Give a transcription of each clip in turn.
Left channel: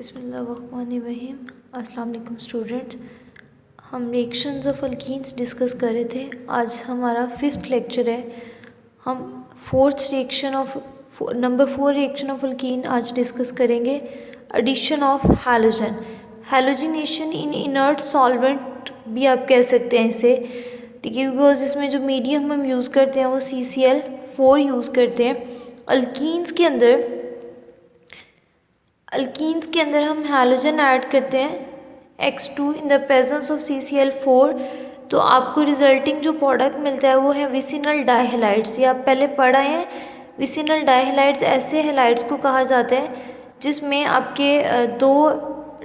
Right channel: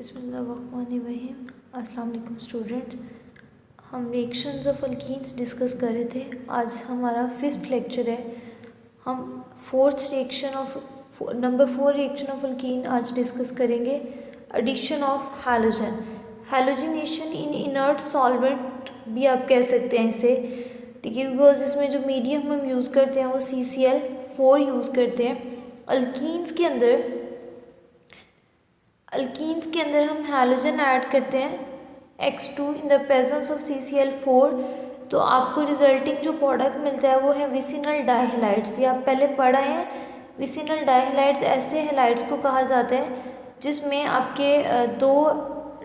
बिस्मिल्लाहिर्रहमानिर्रहीम। अस्सलाम वालेकुम स्टूडेंट्स। हम रिएक्शंस ऑफ अल्कीन्स डिस्कस कर रहे थे। आज हमारा 5th लेक्चर है। हम नंबर 4 रिएक्शन ऑफ अल्कीन आज डिस्कस करेंगे। Addition of halogen, halogenation in inert solvent भी आप कह सकते हैं इसे, ठीक है, बिकॉज इसमें जो मीडियम हम यूज़ करते हैं वो CCl4 यूज़ करते हैं। अल्कीन्स के अंदर हम हैलोजन ऐड करते हैं X2 in the presence of CCl4, तो आपको रिजल्टिंग जो प्रोडक्ट मिलता है वो है विसिनल डाइहैलाइड्स। ये आप पहले पढ़ा है। विसिनल डाइहैलाइड्स ऐसे हैलाइड्स को कहा जाता है जिसमें आपके दो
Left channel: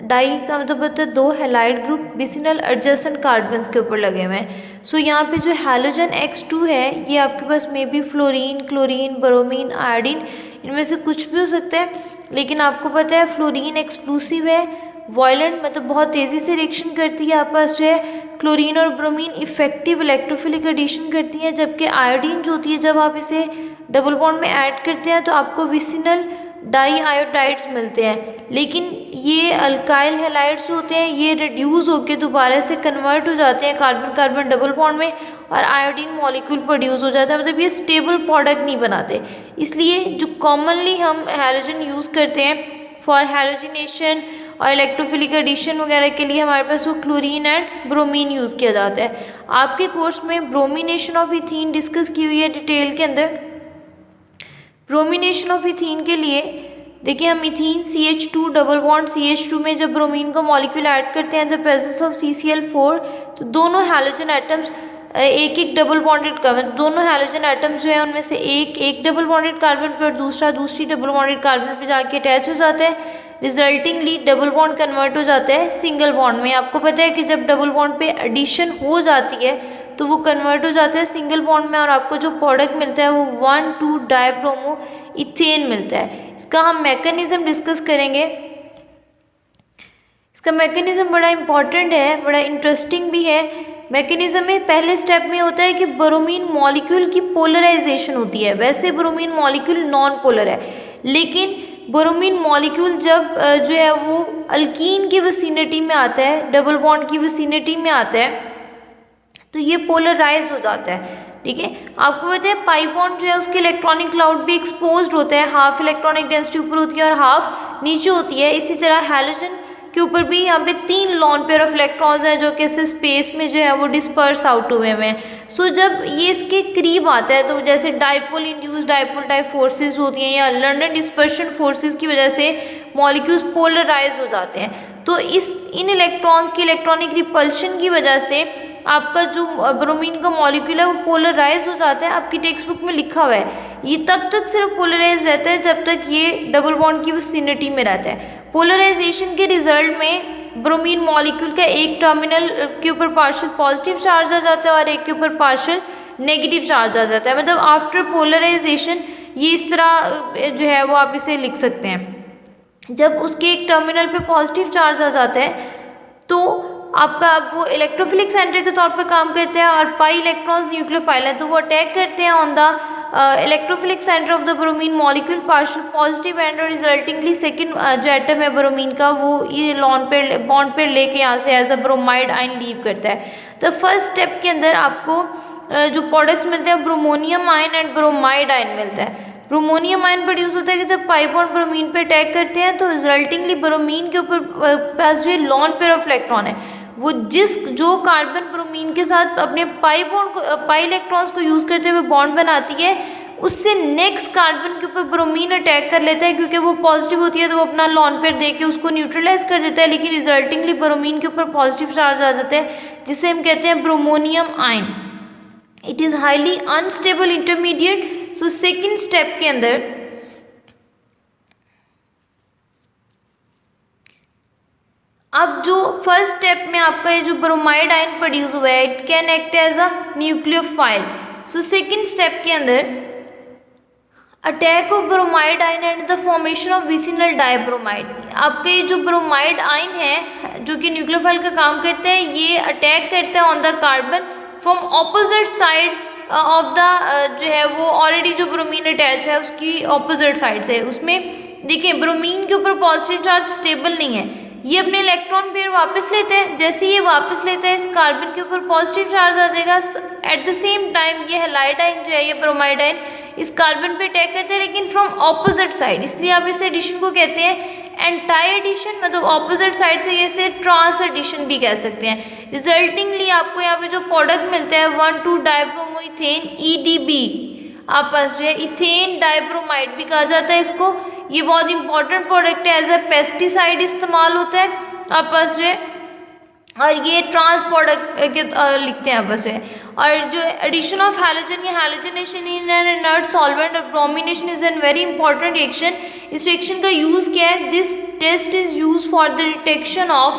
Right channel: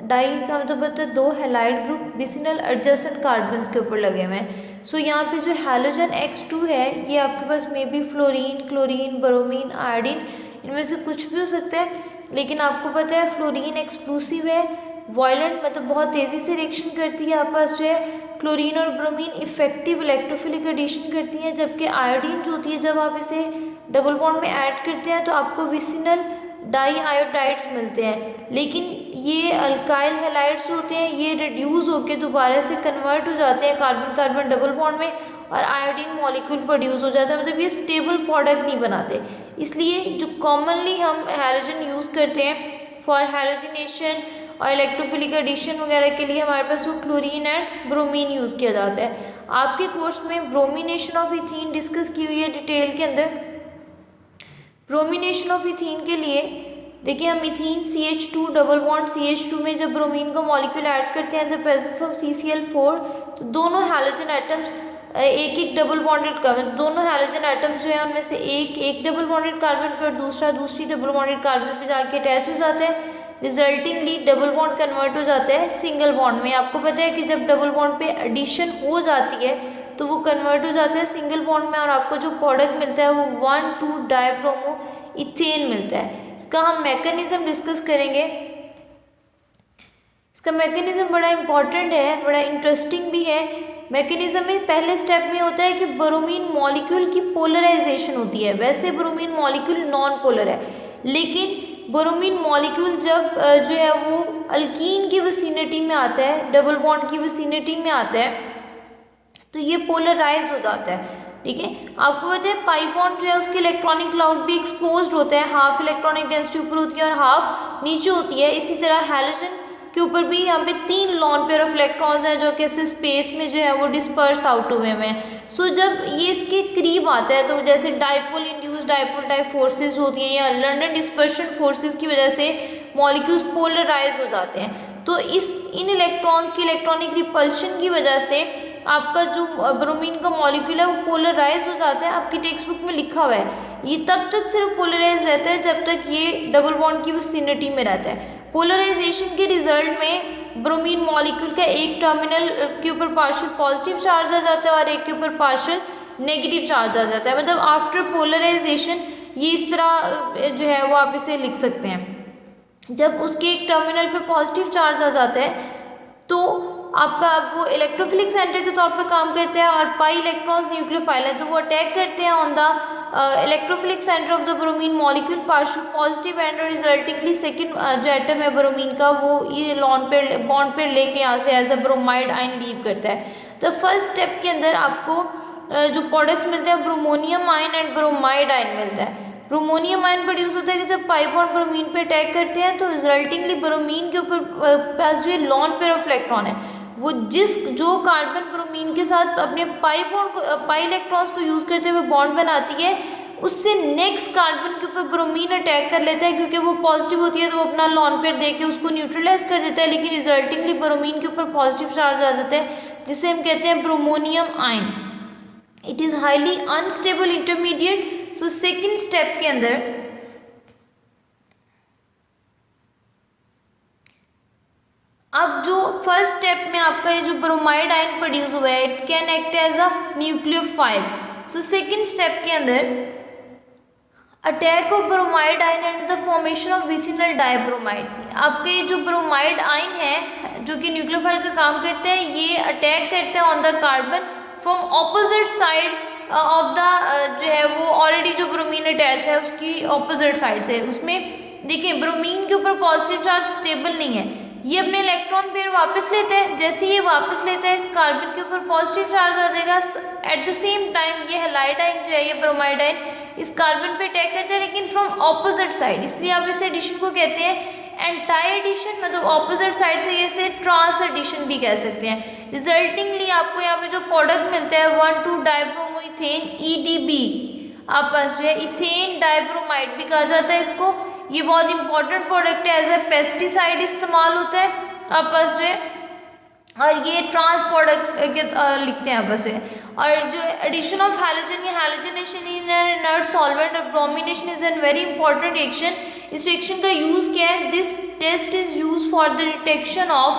डाई का मतलब होता है दो halide group vicinal adjacent carbons के ऊपर लगे हुए हैं। सो यहाँ पे जो हैलोजन X2 है ये आपके पास may be fluorine, chlorine, bromine, iodine, इनमें से कुछ भी हो सकता है। लेकिन आपको पता है फ्लोरीन एक्सप्लोसिव है, वायलेंट मतलब बहुत तेज़ी से रिएक्शन करती है। आपस जो है क्लोरीन और ब्रोमीन इफेक्टिव इलेक्ट्रोफिलिक एडिशन करती हैं, जबकि आयोडीन जो होती है जब आप इसे डबल बॉन्ड में ऐड करते हैं तो आपको विसिनल डाई आयोडाइड्स मिलते हैं। लेकिन ये अल्काइल हैलाइड्स होते हैं, ये रिड्यूस होकर दोबारा से कन्वर्ट हो जाते हैं कार्बन कार्बन डबल बॉन्ड में और आयोडीन मॉलिक्यूल प्रोड्यूस हो जाता है। मतलब ये स्टेबल प्रोडक्ट नहीं बनाते। इसलिए जो कॉमनली हम हैलोजन यूज़ करते हैं फॉर हैलोजिनेशन और इलेक्ट्रोफिलिक एडिशन वगैरह के लिए हमारे पास वो क्लोरीन एंड ब्रोमीन यूज़ किया जाता है। आपके कोर्स में ब्रोमिनेशन ऑफ इथीन डिस्कस की हुई है डिटेल के अंदर। ब्रोमिनेशन ऑफ इथीन के लिए देखिए, हम ethene CH2 double bond CH2 में जब ब्रोमीन का मॉलिक्यूल ऐड करते हैं द प्रेजेंस ऑफ CCl4, तो दोनों हैलोजन एटम्स एक एक डबल बॉन्डेड कार्बन, दोनों हैलोजन एटम्स जो है उनमें से एक डबल बॉन्डेड कार्बन पर दूसरी डबल बॉन्डेड कार्बन पर जाके अटैच हो जाता है। रिजल्टिंगली डबल बॉन्ड कन्वर्ट हो जाता है सिंगल बॉन्ड में। आपको पता है कि जब डबल बॉन्ड पे एडिशन हो जाती है तो वो कन्वर्ट हो जाता है सिंगल बॉन्ड में और आपको जो प्रोडक्ट मिलता है वो 1,2 डाइब्रोमो इथेन मिलता है। इसका हम मैकेनिज्म डिस्कस करेंगे। इसका मैकेनिज्म बड़ा इंपॉर्टेंट है, बड़ा इंटरेस्टिंग भी है। मैकेनिज्म में पहले स्टेप में होता है कि ब्रोमीन मॉलिक्यूल की पोलराइजेशन होती है। वैसे ब्रोमीन मॉलिक्यूल नॉन पोलर है, लेकिन ब्रोमीन मॉलिक्यूल जब जो है वो अल्कीन की विसिनिटी में आता है, डबल बॉन्ड की विसिनिटी में आता है, तो ये पोलराइज हो जाता है। ठीक है, आपको पता है पाई बॉन्ड जो है उसके इलेक्ट्रॉनिक क्लाउड भी एक्सपोज्ड होता है, हाफ इलेक्ट्रॉनिक डेंसिटी ऊपर होती है और हाफ नीचे होती है। इसी तरह हैलोजन के ऊपर भी यहाँ पे 3 लॉन पेयर ऑफ इलेक्ट्रॉन्स हैं जो कि इस स्पेस में जो है वो डिस्पर्स आउट हुए हैं। सो जब ये इसके करीब आता है तो जैसे dipole induced dipole type forces होती हैं या लंडन डिस्पर्शन फोर्सेस की वजह से मॉलिक्यूल्स पोलराइज हो जाते हैं। तो इन इलेक्ट्रॉन्स की इलेक्ट्रॉनिक रिपल्शन की वजह से आपका जो ब्रोमीन का मॉलिक्यूल है वो पोलराइज हो जाता है। आपकी टेक्स्ट बुक में लिखा हुआ है ये तब तक सिर्फ पोलराइज रहता है जब तक ये डबल बॉन्ड की विसिनिटी में रहता है। पोलराइजेशन के रिजल्ट में ब्रोमीन मॉलिक्यूल का एक टर्मिनल के ऊपर पार्शियल पॉजिटिव चार्ज आ जाता है और एक के ऊपर पार्शियल नेगेटिव चार्ज आ जाता है। मतलब आफ्टर पोलराइजेशन ये इस तरह जो है वो आप इसे लिख सकते हैं। जब उसके एक टर्मिनल पे पॉजिटिव चार्ज आ जाता है तो आपका वो इलेक्ट्रोफिलिक सेंटर के तौर पे काम करते हैं और पाई इलेक्ट्रॉन्स न्यूक्लियोफाइल है तो वो अटैक करते हैं on the electrophilic centre of the bromine molecule partial positive and resultingly second जो एटम है ब्रोमीन का वो ये बॉन्ड पेयर लेके यहाँ से as a bromide ion leave करता है। तो फर्स्ट स्टेप के अंदर आपको जो प्रोडक्ट्स मिलते हैं bromonium ion and bromide ion मिलता है। ब्रोमोनियम आयन प्रोड्यूस होता है कि जब पाई बॉन्ड ब्रोमीन पे अटैक करते हैं तो रिजल्टिंगली ब्रोमीन के ऊपर पास जो लॉन पेयर ऑफ इलेक्ट्रॉन है वो जो कार्बन ब्रोमीन के साथ अपने पाई इलेक्ट्रॉन्स को यूज़ करते हुए बॉन्ड बनाती है उससे नेक्स्ट कार्बन के ऊपर ब्रोमीन अटैक कर लेता है। क्योंकि वो पॉजिटिव होती है तो वो अपना लॉन पेयर दे के उसको न्यूट्रलाइज कर देता है, लेकिन रिजल्टिंगली ब्रोमीन के ऊपर पॉजिटिव चार्ज आ जाता है जिसे हम कहते हैं bromonium ion. It is highly unstable intermediate. So second step के अंदर अब जो फर्स्ट स्टेप में आपका ये जो ब्रोमाइड आयन प्रोड्यूस हुआ है it can act as a nucleophile. So second step के अंदर attack of bromide ion and the formation of vicinal dibromide. आपके जो ब्रोमाइड आयन है जो कि न्यूक्लियोफाइल का काम करते हैं ये अटैक करते हैं on the carbon from opposite side of the जो है वो ऑलरेडी जो ब्रोमीन अटैच है उसकी ऑपोजिट साइड से उसमें देखिए ब्रोमीन के ऊपर पॉजिटिव चार्ज स्टेबल नहीं है, ये अपने इलेक्ट्रॉन फिर वापस लेते हैं, जैसे ये वापस लेता है इस कार्बन के ऊपर पॉजिटिव चार्ज आ जाएगा। एट द सेम टाइम ये हैलाइड आयन जो है, ये ब्रोमाइड आयन इस कार्बन पे अटैक करते हैं, लेकिन फ्रॉम ऑपोजिट साइड, इसलिए आप इस एडिशन को कहते हैं एंटी एडिशन, मतलब ऑपोजिट साइड से, ये से ट्रांस एडिशन भी कह सकते हैं। रिजल्टिंगली आपको यहाँ पे जो प्रोडक्ट मिलता है 1,2-डाइब्रोमोइथेन EDB, आपस में इथेन डाइब्रोमाइड भी कहा जाता है इसको। ये बहुत इंपॉर्टेंट प्रोडक्ट है, एज ए पेस्टिसाइड इस्तेमाल होता है आपस में, और ये ट्रांस प्रोडक्ट लिखते हैं आपस में। और जो एडिशन ऑफ हैलोजन या halogenation in an inert solvent और bromination is an very important reaction. इस रिएक्शन का यूज़ क्या है? This test is use for the detection of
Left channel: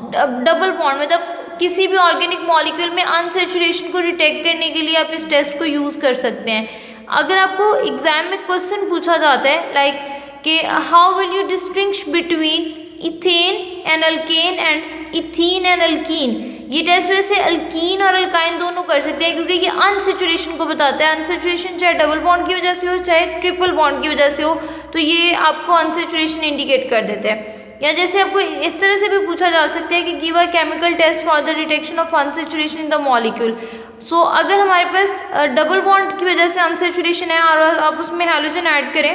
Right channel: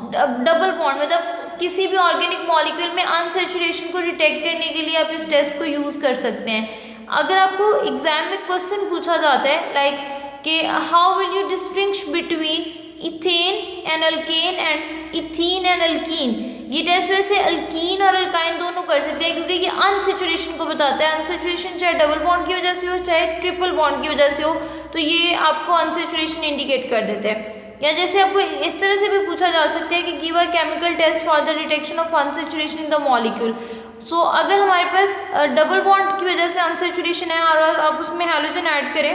double bond, मतलब किसी भी ऑर्गेनिक मॉलिक्यूल में अनसैचुरेशन को डिटेक्ट करने के लिए आप इस टेस्ट को यूज़ कर सकते हैं। अगर आपको एग्जाम में क्वेश्चन पूछा जाता है लाइक कि how will you distinguish between ethane and alkane and ethene and alkyne, ये टेस्ट वैसे अल्कीन और अल्काइन दोनों कर सकते हैं, क्योंकि ये अनसैचुरेशन को बताता है। अनसैचुरेशन चाहे डबल बॉन्ड की वजह से हो चाहे ट्रिपल बॉन्ड की वजह से हो, तो ये आपको अनसैचुरेशन इंडिकेट कर देते हैं। या जैसे आपको इस तरह से भी पूछा जा सकता है कि give a chemical test for the detection of unsaturation in the molecule. So अगर हमारे पास डबल बॉन्ड की वजह से अनसैचुरेशन है और आप उसमें हैलोजन ऐड करें,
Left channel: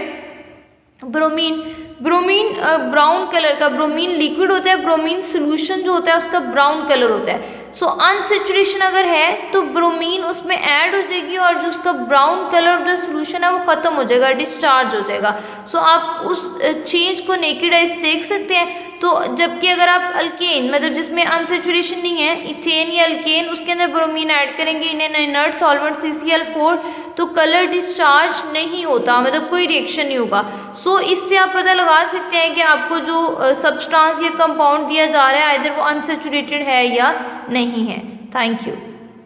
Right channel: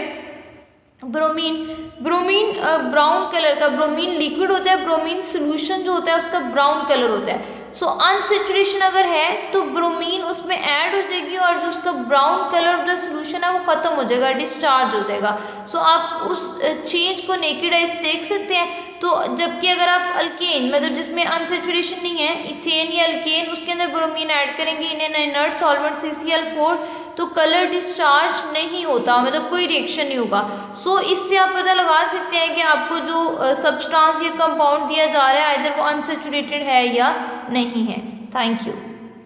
ब्रोमीन ब्राउन कलर का, ब्रोमीन लिक्विड होता है, ब्रोमीन सोल्यूशन जो होता है उसका ब्राउन कलर होता है। सो अनसैचुरेशन अगर है तो ब्रोमीन उसमें ऐड हो जाएगी और जो उसका brown colour of the solution है वो ख़त्म हो जाएगा, डिस्चार्ज हो जाएगा। सो आप उस चेंज को नेकेड आइज देख सकते हैं। तो जबकि अगर आप अल्केन, मतलब जिसमें अनसैचुरेशन नहीं है, इथेन या अल्केन, उसके अंदर ब्रोमीन ऐड करेंगे इन एन इनर्ट सॉल्वेंट CCl4, तो कलर डिस्चार्ज नहीं होता, मतलब कोई रिएक्शन नहीं होगा। सो इससे आप पता लगा सकते हैं कि आपको जो सब्सटेंस या कंपाउंड दिया जा रहा है आइदर वो अनसैचुरेटेड है या नहीं है। Thank you.